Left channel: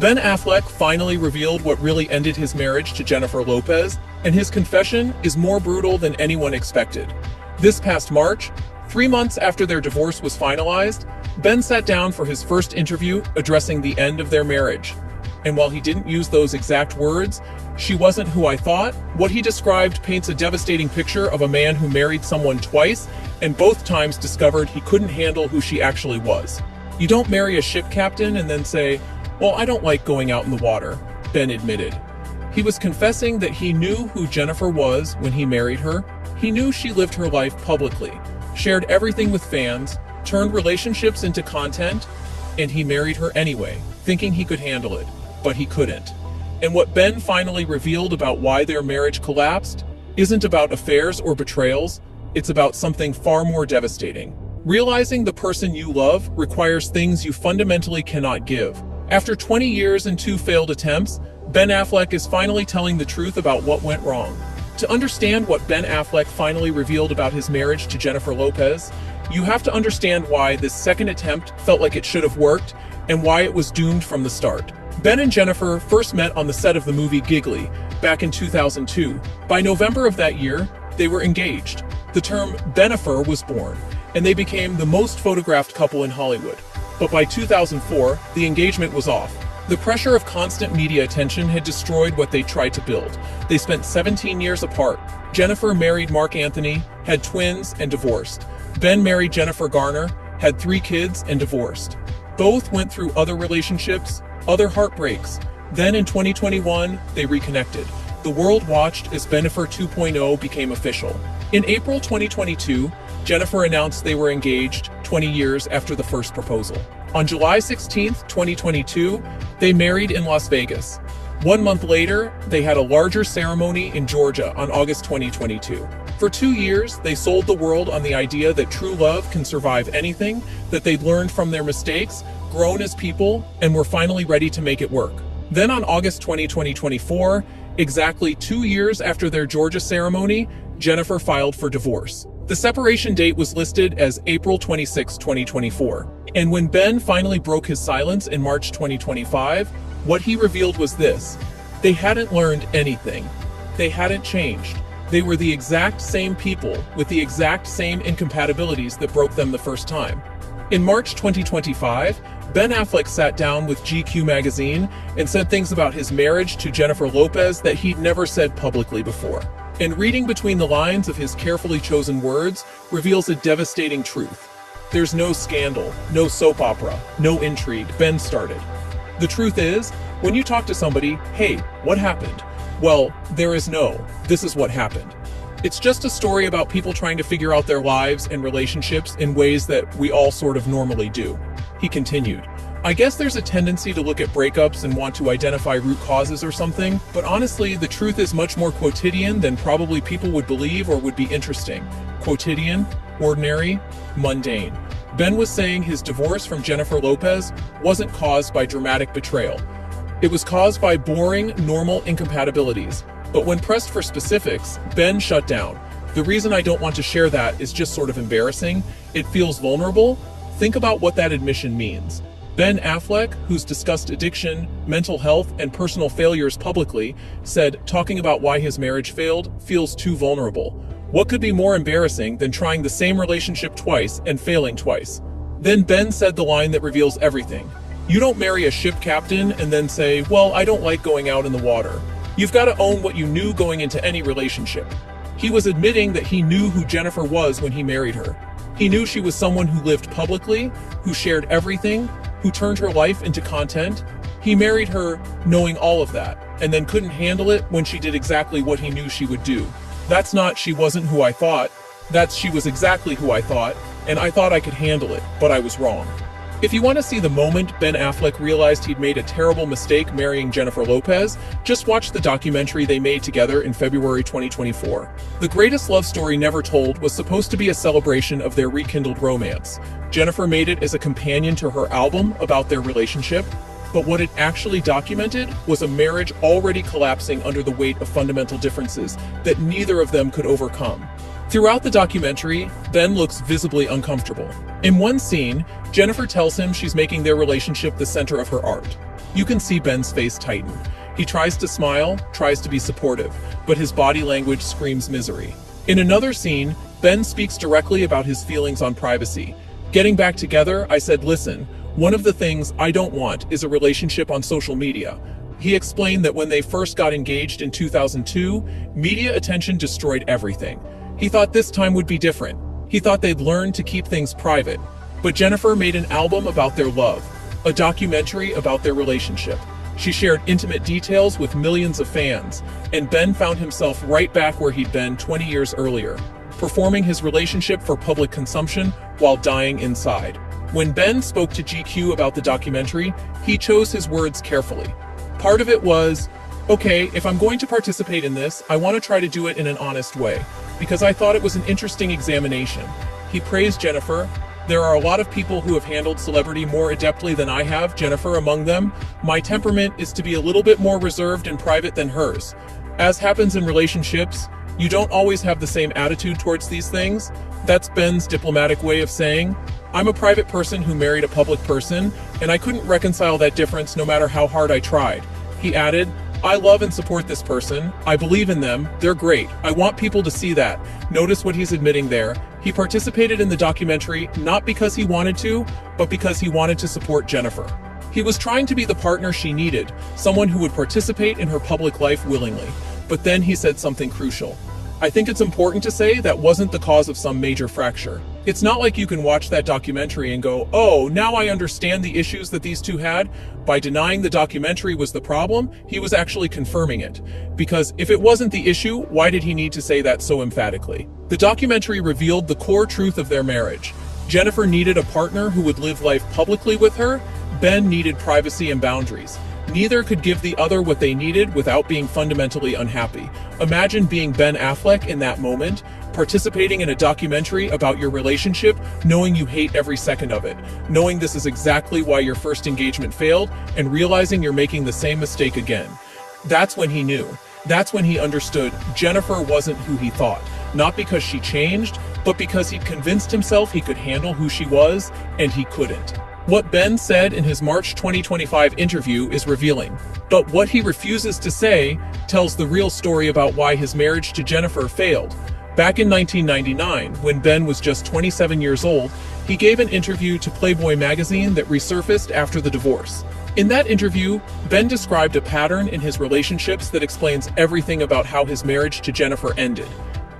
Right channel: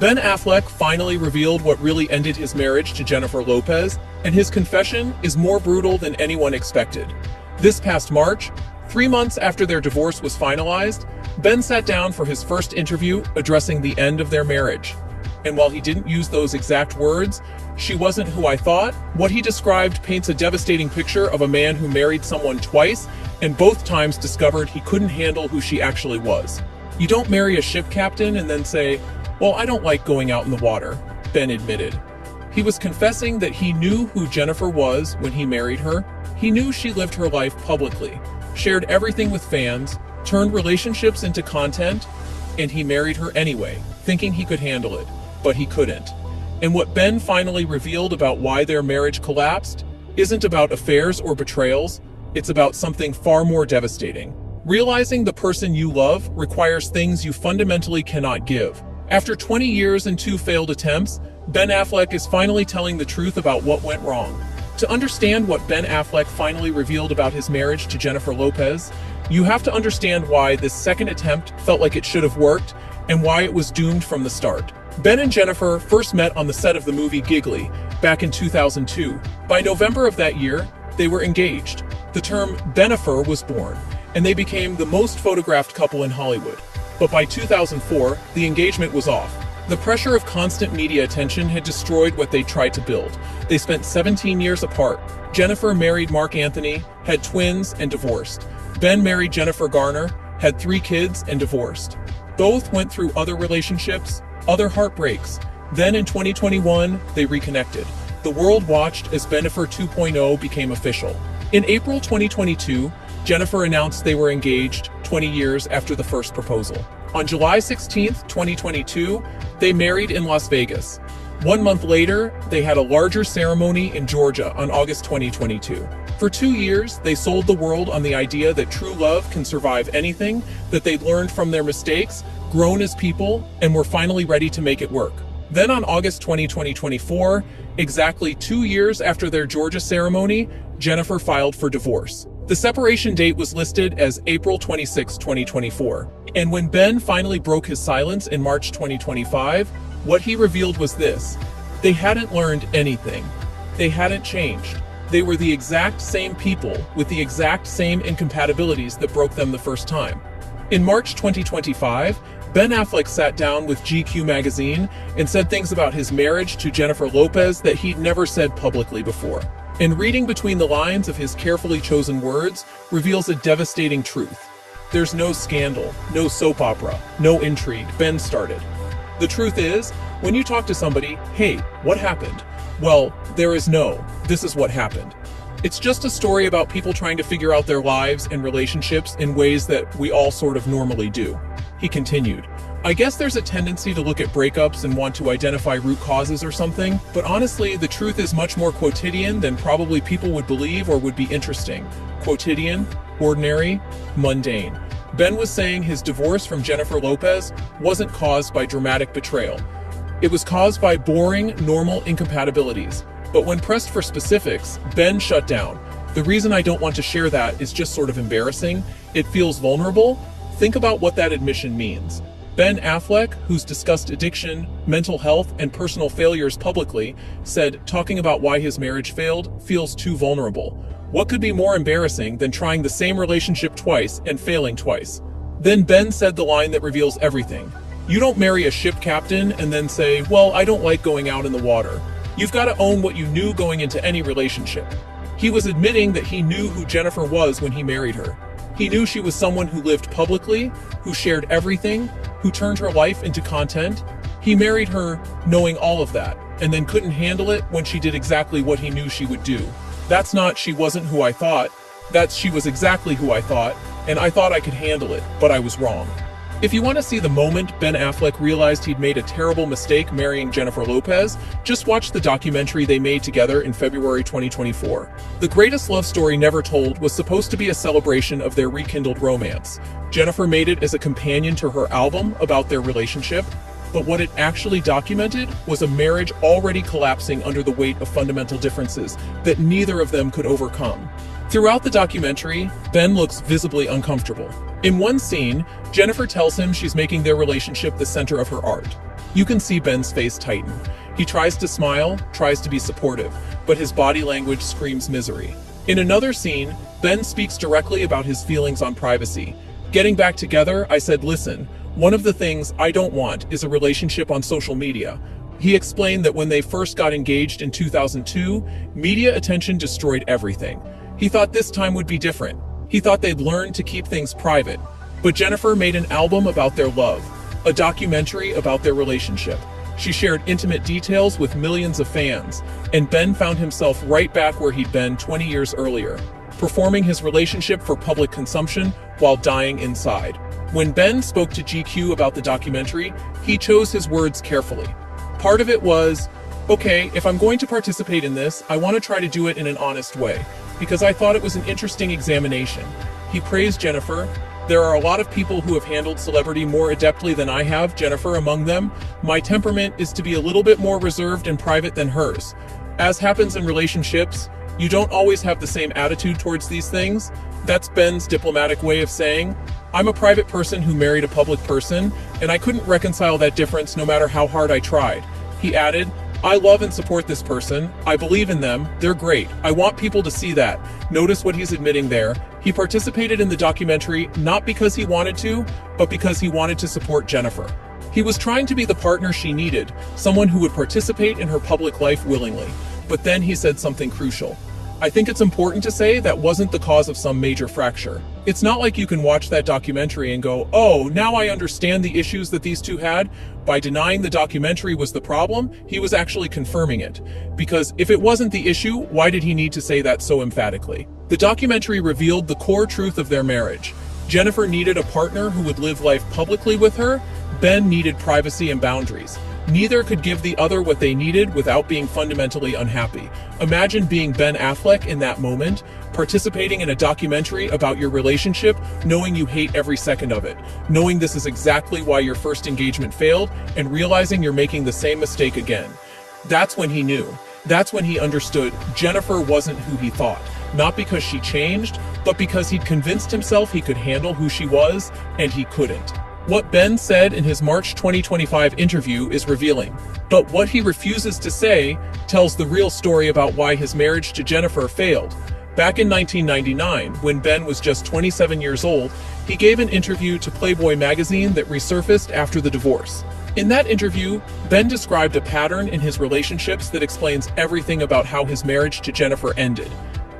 Ben Affleck finally revealed what really ended his marriage to Jennifer Lopez, and his confession is more brutal than anyone expected. This past March, 3 months after their divorce was finalized, Ben sat down for his first interview addressing the end of their marriage. And while he didn't use those exact words, "She wasn't who I thought," what he described paints a devastating picture of a man who married someone twice and both times discovered he couldn't handle who she actually was. You don't marry a ship captain and then say, "Well, I don't like going out in the water," Ben admitted. He was confessing that he knew who Jennifer was when he married her. He knew she lived her life publicly, shared everything with fans, turned relationships into content, and he married her anyway, thinking he could handle it, but he couldn't. And what Ben finally revealed about why their marriage collapsed isn't about affairs or betrayals, it's about something far more devastating. Realizing the person you love requires things you fundamentally cannot give. After 20 years and 2 failed attempts, Ben Affleck is finally telling the truth about what went wrong. To understand what Ben Affleck finally revealed about his marriage to Jennifer Lopez, you have to understand why this second attempt felt like it should have worked and why it was doomed from the start. Ben and Jennifer first met on the set of the movie Giggly back in 2002. By November of that year, they were engaged. The term Benifer was born, and they became the most photographed couple in Hollywood. But by 2004, the engagement was off. The pressure of constant media attention had destroyed what they tried to build. They spent 17 years apart. Jennifer married Mark Anthony, had twins, and divorced. Ben married Jennifer Garner, had 3 kids, and divorced. Both went through other relationships, other heartbreaks. Then in 2021, they reconnected. The world watched as Benifer 2.0 became official. In April 2022, Jennifer announced they were engaged 20 years after the first proposal. On July 16, 2022, they married in Las Vegas. 1 month later, they had a larger ceremony in Georgia on August 2022. For 2 years, they sold the world on the idea that true love can survive anything, that they'd learned from their mistakes, grown as people, and were finally ready to make it work. Then on August 20, 2024, exactly 2 years after their Georgia ceremony, Jennifer filed for divorce. The separation date was listed as April 26, 2024. And when Ben finally broke his silence in March 2025, what he revealed was this: they hadn't learned anything. They hadn't changed. They were the exact same people with the exact same incompatibilities that broke them the first time. In March 2025, Ben Affleck sat down with GQ magazine and said things about his marriage to Jennifer Lopez that he'd never said publicly before. And reading between the lines of his carefully chosen words reveals a devastating truth. There's no scandal, no soap opera, no intrigue Ben started. The truth is, when you talk to somebody, "Hey, what happened?" Well, there is no, "This is what happened." It's just a story about people trying to figure out their lives and relationships in ways that we all sort of normally do. He continued, "I guess there's a tendency to look at breakups and want to identify root causes or something, but honestly, the truth is much more quotidian than probably people would believe or would be interesting. Quotidian, ordinary, mundane." Ben was saying his divorce from Jennifer Lopez wasn't caused by dramatic betrayal. It was caused by boring, normal incompatibilities. But when pressed for specifics, Ben shut down. "The reason I don't want to share that is just sort of embarrassing. It feels vulnerable." Think about what that admission means. Ben Affleck, who's discussed addiction, mental health, and personal failures publicly, said talking about why his marriage failed feels too vulnerable. What could be more embarrassing than trying the same relationship twice and failing twice? Then Ben said the line that reveals everything. You don't marry a ship captain and then say, "Well, I don't like going out in the water." You've got to own what you knew going into any relationship. He was admitting that he knew who Jennifer was when he married her. He knew she was someone who lived publicly, who shared everything, who turned her life into content. He married her knowing all of that, and then couldn't handle it when she did exactly what he knew she would do. That's not "she wasn't who I thought," that's "she was exactly who I thought, and I thought I could handle it, but I was wrong." If you want to see the moment Ben Affleck realized he'd made a terrible mistake marrying Jennifer Lopez, just watch the documentary they made together in February 2024. The Greatest Love Story Never Told was supposed to be a celebration of their rekindled romance. Jennifer made it as a companion to her album about their relationship, but what it actually documented was a marriage already collapsing under the weight of fundamental differences that neither of them could overcome. Throughout the documentary, Ben looks visibly uncomfortable. In one scene, Jennifer tells him she's making their relationship the center of her art. You can see Ben's face tighten. He tries to smile, tries to be supportive, but his body language screams misery. In another scene, Ben speaks directly about his feelings on privacy. Getting back together, I said, listen, one of the things I don't want is a relationship on social media. He explained that when they first got engaged in 2002, media attention destroyed everything. He thought this time would be different. He thought they'd learn to keep things private. But Jennifer made an album about their love, a documentary about their relationship. She shared intimate details with millions of fans, and Ben found himself right back where he'd been 20 years earlier, performing his relationship for public consumption while dying inside. When Ben spoke to GQ about the documentary, he chose his words carefully. Part of it was, okay, if I'm going to participate in this, I want to try to do it in an honest way, because I thought it was an interesting examination. He praised Jennifer. There are a lot of people who have handled celebrity more adeptly than I have, Jennifer among them. My temperament is to be a little bit more reserved and private than hers. As happens in relationships, you don't always have the same attitude towards these things. That's Ben's diplomatic way of saying, I'm a private person who married a public person, and I couldn't reconcile that difference no matter how hard I tried. He added, I love and support this person. I believe in them. They're great. I want people to see that. Notice what he's admitting there. He participated in the documentary not because he wanted to, but because he wanted to support Jennifer. He was trying to be the partner she needed, someone who would participate in her public life willingly. But then he said something crucial. I think it's important to say that wasn't the cause of some major fracture. It's not like you can watch that documentary and go, oh, now I understand the issues that these two had. By denying the documentary was the problem, he was actually confirming it. Because if it wasn't the issue, why did he need to say that so emphatically? The documentary revealed the core truth of their marriage. Jennifer needed a partner who would live life publicly with her. Ben needed privacy and boundaries. Neither could give the other what they needed without being fundamentally unhappy. Imagine being Ben Affleck in that moment, participating in a documentary about your relationship, knowing you hate every second of it, knowing this is exactly why your first engagement failed, and realizing you're making the same mistake again. That's when he knew. That's when he understood Jennifer wasn't who he thought, not because she changed, but because he'd convinced himself he could handle who she was, and he couldn't. What Ben said in his March 2025 interview is revealing, but what he refuses to say tells the real story about why his marriage to Jennifer failed. Back in 1999, when Ben was just 27 years old, he gave an interview to Playboy magazine that resurfaced after the divorce. In that interview, Ben described a pattern in his relationships that explains everything about how his marriage to Jennifer ended.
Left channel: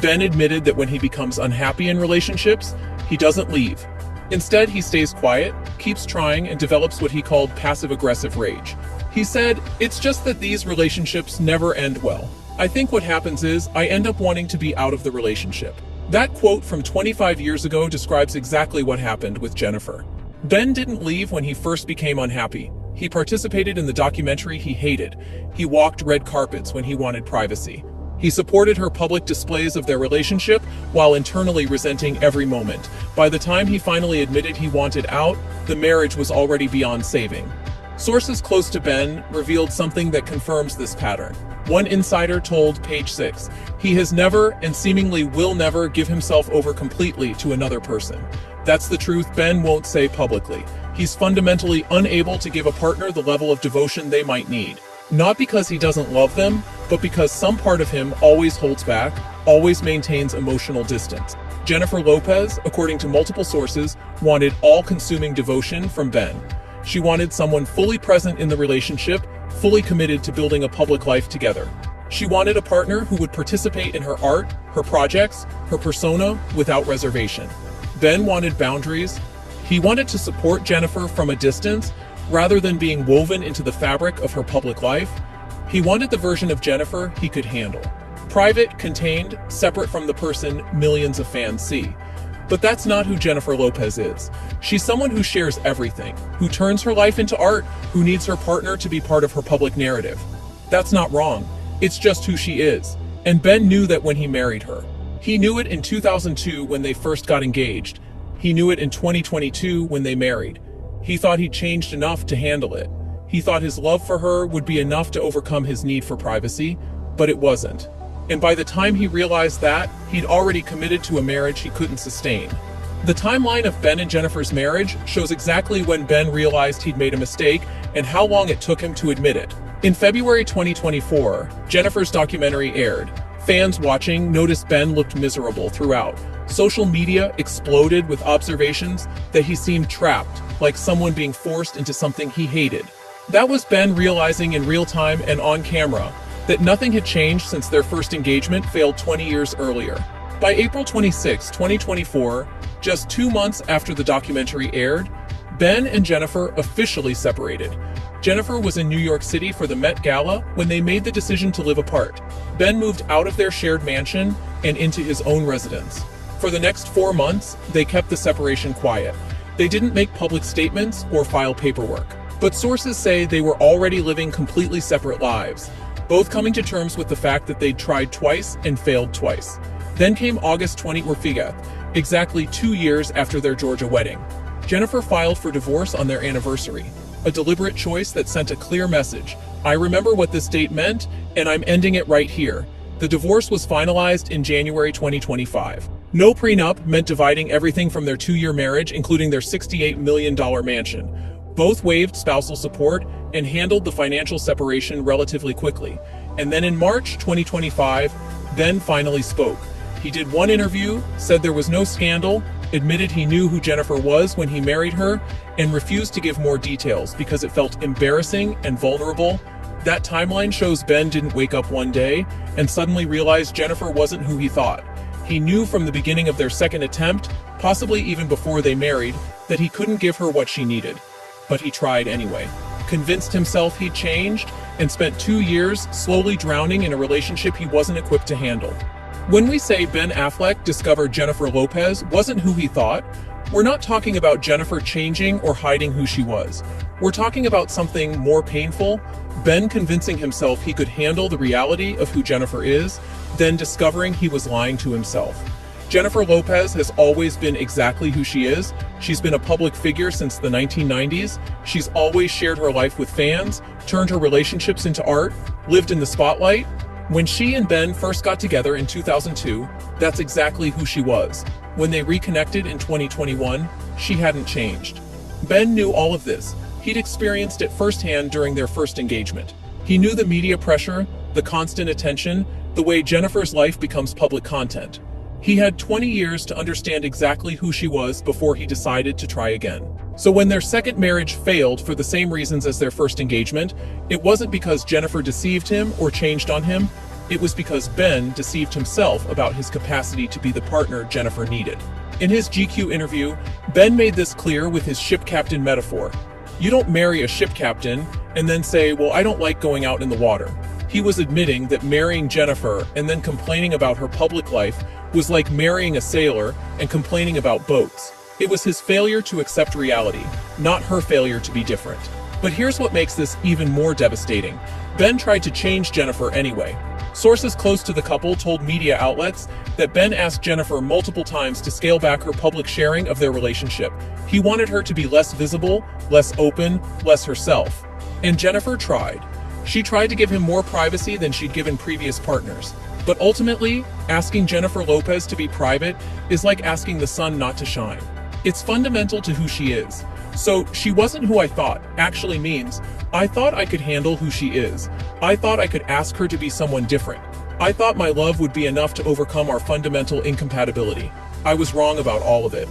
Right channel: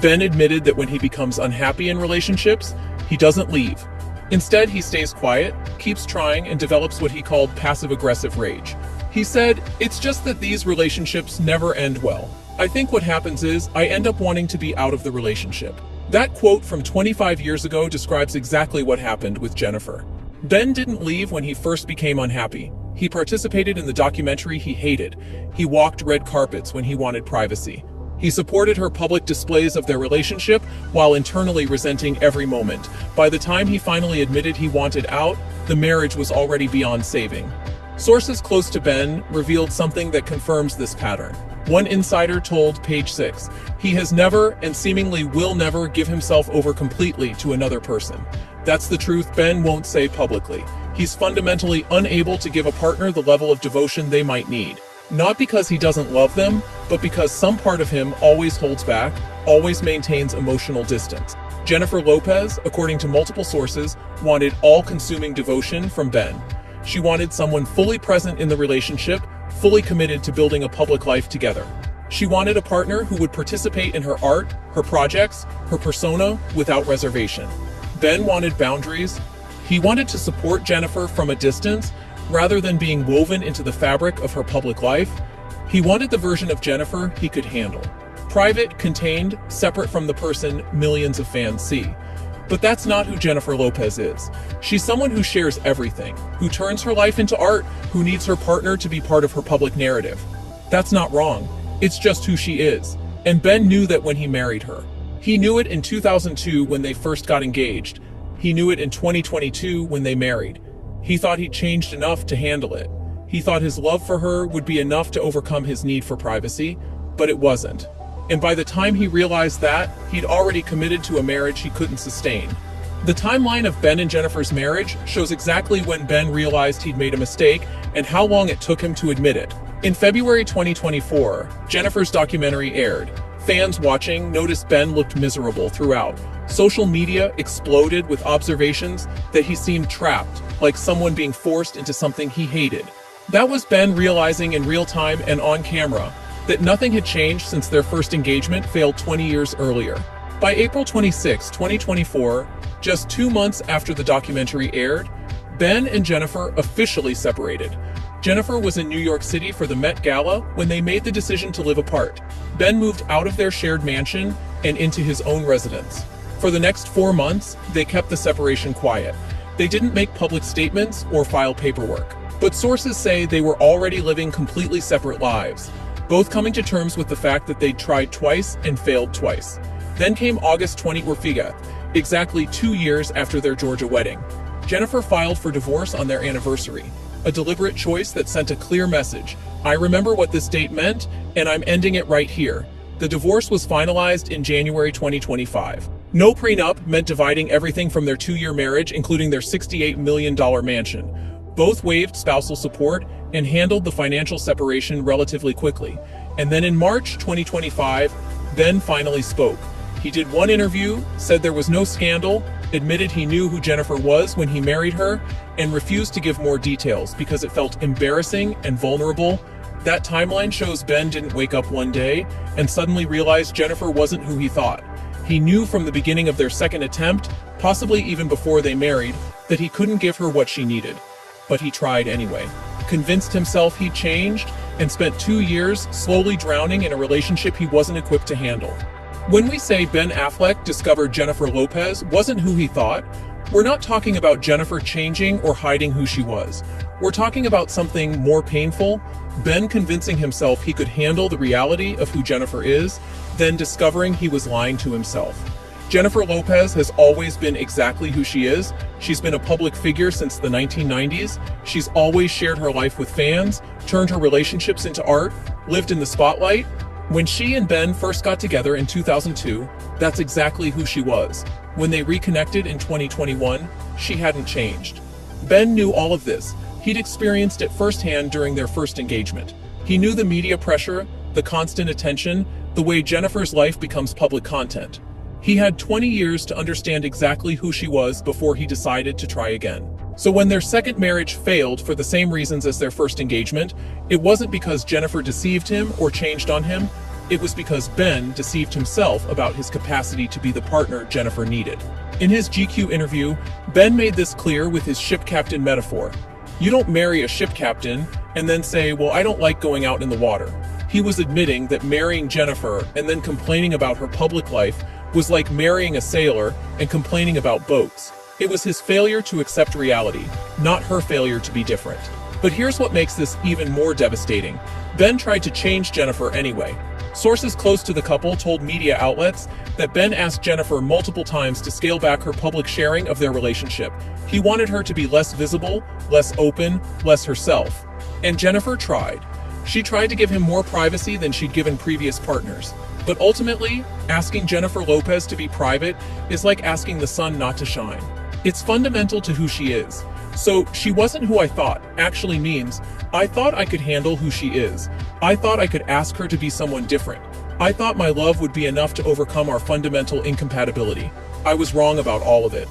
Ben admitted that when he becomes unhappy in relationships, he doesn't leave. Instead, he stays quiet, keeps trying, and develops what he called passive-aggressive rage. He said, it's just that these relationships never end well. I think what happens is I end up wanting to be out of the relationship. That quote from 25 years ago describes exactly what happened with Jennifer. Ben didn't leave when he first became unhappy. He participated in the documentary he hated. He walked red carpets when he wanted privacy. He supported her public displays of their relationship while internally resenting every moment. By the time he finally admitted he wanted out, the marriage was already beyond saving. Sources close to Ben revealed something that confirms this pattern. One insider told Page 6, he has never and seemingly will never give himself over completely to another person. That's the truth Ben won't say publicly. He's fundamentally unable to give a partner the level of devotion they might need. Not because he doesn't love them, but because some part of him always holds back, always maintains emotional distance. Jennifer Lopez, according to multiple sources, wanted all-consuming devotion from Ben. She wanted someone fully present in the relationship, fully committed to building a public life together. She wanted a partner who would participate in her art, her projects, her persona without reservation. Ben wanted boundaries. He wanted to support Jennifer from a distance, rather than being woven into the fabric of her public life. He wanted the version of Jennifer he could handle. Private, contained, separate from the person millions of fans see. But that's not who Jennifer Lopez is. She's someone who shares everything, who turns her life into art, who needs her partner to be part of her public narrative. That's not wrong. It's just who she is. And Ben knew that when he married her. He knew it in 2002 when they first got engaged. He knew it in 2022 when they married. He thought he'd changed enough to handle it. He thought his love for her would be enough to overcome his need for privacy, but it wasn't. And by the time he realized that, he'd already committed to a marriage he couldn't sustain. The timeline of Ben and Jennifer's marriage shows exactly when Ben realized he'd made a mistake and how long it took him to admit it. In February 2024, Jennifer's documentary aired. Fans watching noticed Ben looked miserable throughout. Social media exploded with observations that he seemed trapped, like someone being forced into something he hated. That was Ben realizing in real time and on camera that nothing had changed since their first engagement failed 20 years earlier. By April 26, 2024, just 2 months after the documentary aired, Ben and Jennifer officially separated. Jennifer was in New York City for the Met Gala when they made the decision to live apart. Ben moved out of their shared mansion and into his own residence. For the next 4 months, they kept the separation quiet. They didn't make public statements or file paperwork. But sources say they were already living completely separate lives, both coming to terms with the fact that they'd tried twice and failed twice. Then came August 2024, exactly 2 years after their Georgia wedding. Jennifer filed for divorce on their anniversary, a deliberate choice that sent a clear message. I remember what this date meant, and I'm ending it right here. The divorce was finalized in January 2025. No prenup meant dividing everything from their 2-year marriage, including their $68 million mansion. Both waived spousal support and handled the financial separation relatively quickly. And then in March 2025, Ben finally spoke. He did one interview, said there was no scandal, admitted he knew who Jennifer was when he married her, and refused to give more details because it felt embarrassing and vulnerable. That timeline shows Ben didn't wake up one day and suddenly realize Jennifer wasn't who he thought. He knew from the beginning of their second attempt, possibly even before they married, that he couldn't give her what she needed. But he tried anyway. Convinced himself he'd changed, and spent 2 years slowly drowning in a relationship he wasn't equipped to handle. When we say Ben Affleck discovered Jennifer Lopez wasn't who he thought, we're not talking about Jennifer changing or hiding who she was. We're talking about something more painful, Ben convincing himself he could handle the reality of who Jennifer is, then discovering he was lying to himself. Jennifer Lopez has always been exactly who she is. She's been a public figure since the 1990s. She's always shared her life with fans, turned her relationships into art, lived in the spotlight. When she and Ben first got together in 2002, that's exactly who she was. When they reconnected in 2021, she hadn't changed. Ben knew all of this. He'd experienced it firsthand during their first engagement. He knew the media pressure, the constant attention, the way Jennifer's life becomes public content. He had 20 years to understand exactly who she was before he decided to try again. So when their second marriage failed for the same reasons as their first engagement, it wasn't because Jennifer deceived him or changed on him. It was because Ben deceived himself about his capacity to be the partner Jennifer needed. In his GQ interview, Ben made this clear with his ship captain metaphor. You don't marry a ship captain and then say, well, I don't like going out in the water. He was admitting that marrying Jennifer and then complaining about her public life was like marrying a sailor and complaining about boats. It was his failure to accept reality, not her failure to be different. But here's what makes this even more devastating. Ben tried to change Jennifer anyway. Sources close to the couple told media outlets that Ben asked Jennifer multiple times to scale back her public sharing of their relationship. He wanted her to be less visible, less open, less herself. And Jennifer tried. She tried to give him more privacy than she'd given previous partners. But ultimately, asking Jennifer Lopez to be private is like asking the sun not to shine. It's fundamental to who she is. So, she wasn't who I thought actually means, I thought I could handle who she is. I thought I could ask her to be someone different. I thought my love would be enough to overcome our fundamental incompatibility. I was wrong about all of it.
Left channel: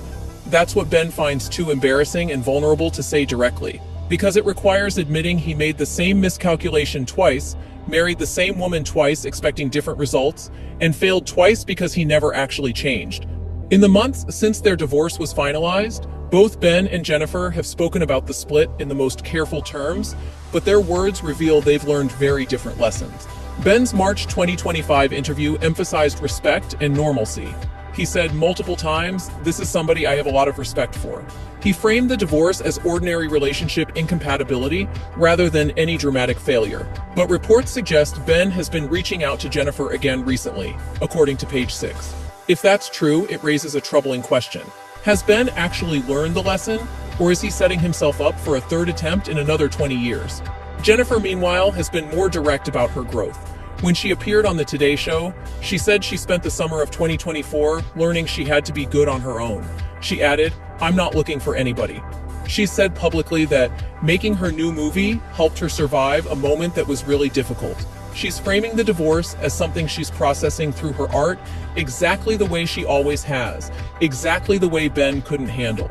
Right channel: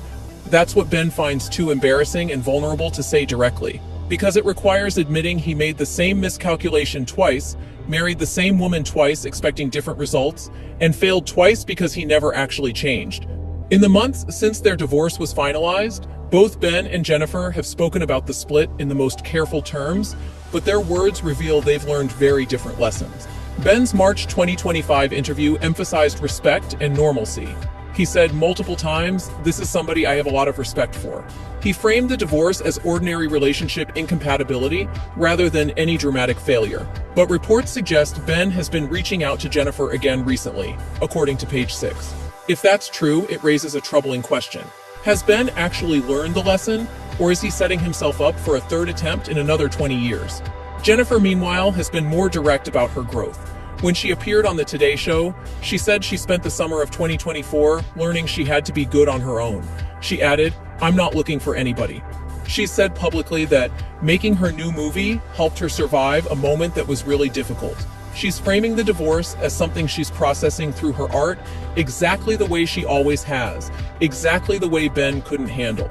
That's what Ben finds too embarrassing and vulnerable to say directly, because it requires admitting he made the same miscalculation twice, married the same woman twice expecting different results, and failed twice because he never actually changed. In the months since their divorce was finalized, both Ben and Jennifer have spoken about the split in the most careful terms, but their words reveal they've learned very different lessons. Ben's March 2025 interview emphasized respect and normalcy. He said multiple times, "This is somebody I have a lot of respect for." He framed the divorce as ordinary relationship incompatibility rather than any dramatic failure. But reports suggest Ben has been reaching out to Jennifer again recently, according to Page 6. If that's true, it raises a troubling question. Has Ben actually learned the lesson, or is he setting himself up for a third attempt in another 20 years? Jennifer, meanwhile, has been more direct about her growth. When she appeared on the Today Show, she said she spent the summer of 2024 learning she had to be good on her own. She added, "I'm not looking for anybody." She said publicly that making her new movie helped her survive a moment that was really difficult. She's framing the divorce as something she's processing through her art exactly the way she always has, exactly the way Ben couldn't handle.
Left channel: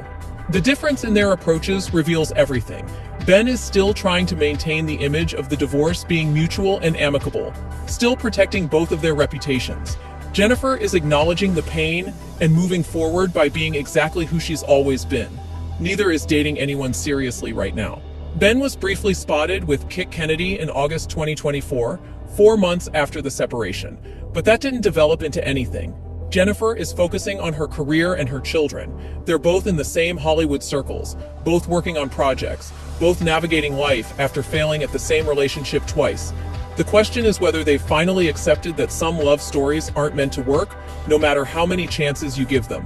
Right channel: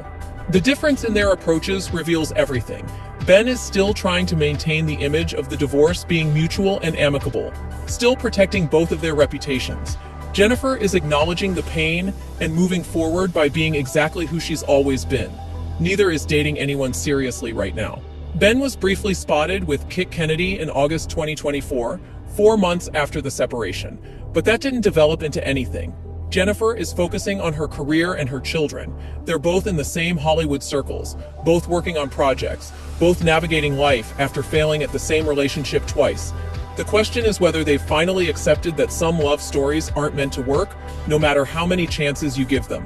The difference in their approaches reveals everything. Ben is still trying to maintain the image of the divorce being mutual and amicable, still protecting both of their reputations. Jennifer is acknowledging the pain and moving forward by being exactly who she's always been. Neither is dating anyone seriously right now. Ben was briefly spotted with Kit Kennedy in August 2024, 4 months after the separation, but that didn't develop into anything. Jennifer is focusing on her career and her children. They're both in the same Hollywood circles, both working on projects, both navigating life after failing at the same relationship twice. The question is whether they've finally accepted that some love stories aren't meant to work, no matter how many chances you give them.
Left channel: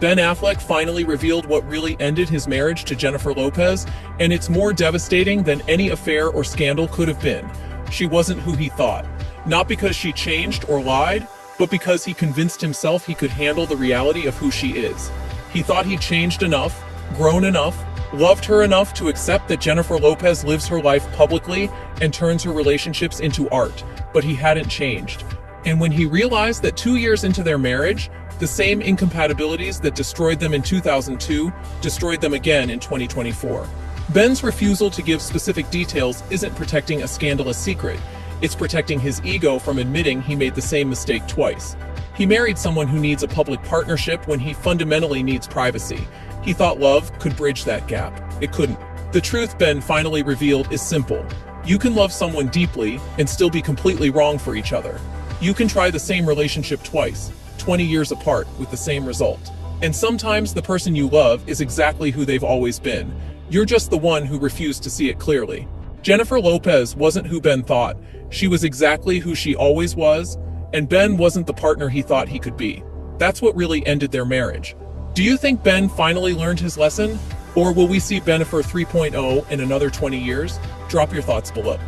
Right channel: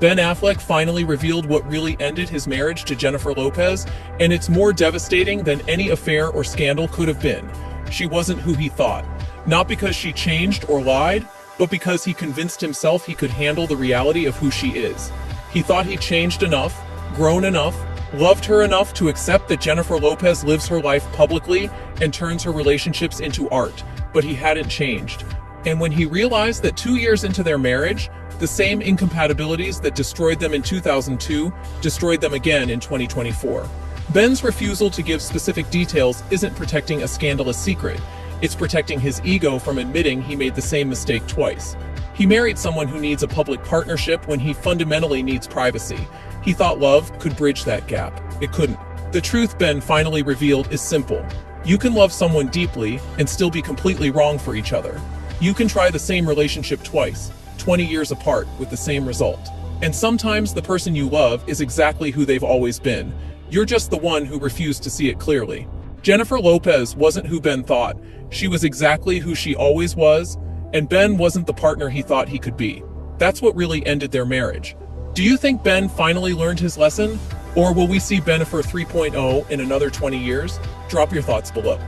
Ben Affleck finally revealed what really ended his marriage to Jennifer Lopez, and it's more devastating than any affair or scandal could have been. She wasn't who he thought. Not because she changed or lied, but because he convinced himself he could handle the reality of who she is. He thought he'd changed enough, grown enough, loved her enough to accept that Jennifer Lopez lives her life publicly and turns her relationships into art, but he hadn't changed. And when he realized that 2 years into their marriage, the same incompatibilities that destroyed them in 2002 destroyed them again in 2024. Ben's refusal to give specific details isn't protecting a scandalous secret. It's protecting his ego from admitting he made the same mistake twice. He married someone who needs a public partnership when he fundamentally needs privacy. He thought love could bridge that gap. It couldn't. The truth Ben finally revealed is simple. You can love someone deeply and still be completely wrong for each other. You can try the same relationship twice, 20 years apart, with the same result. And sometimes the person you love is exactly who they've always been. You're just the one who refused to see it clearly. Jennifer Lopez wasn't who Ben thought. She was exactly who she always was, and Ben wasn't the partner he thought he could be. That's what really ended their marriage. Do you think Ben finally learned his lesson? Or will we see Jennifer 3.0 in another 20 years? Drop your thoughts below.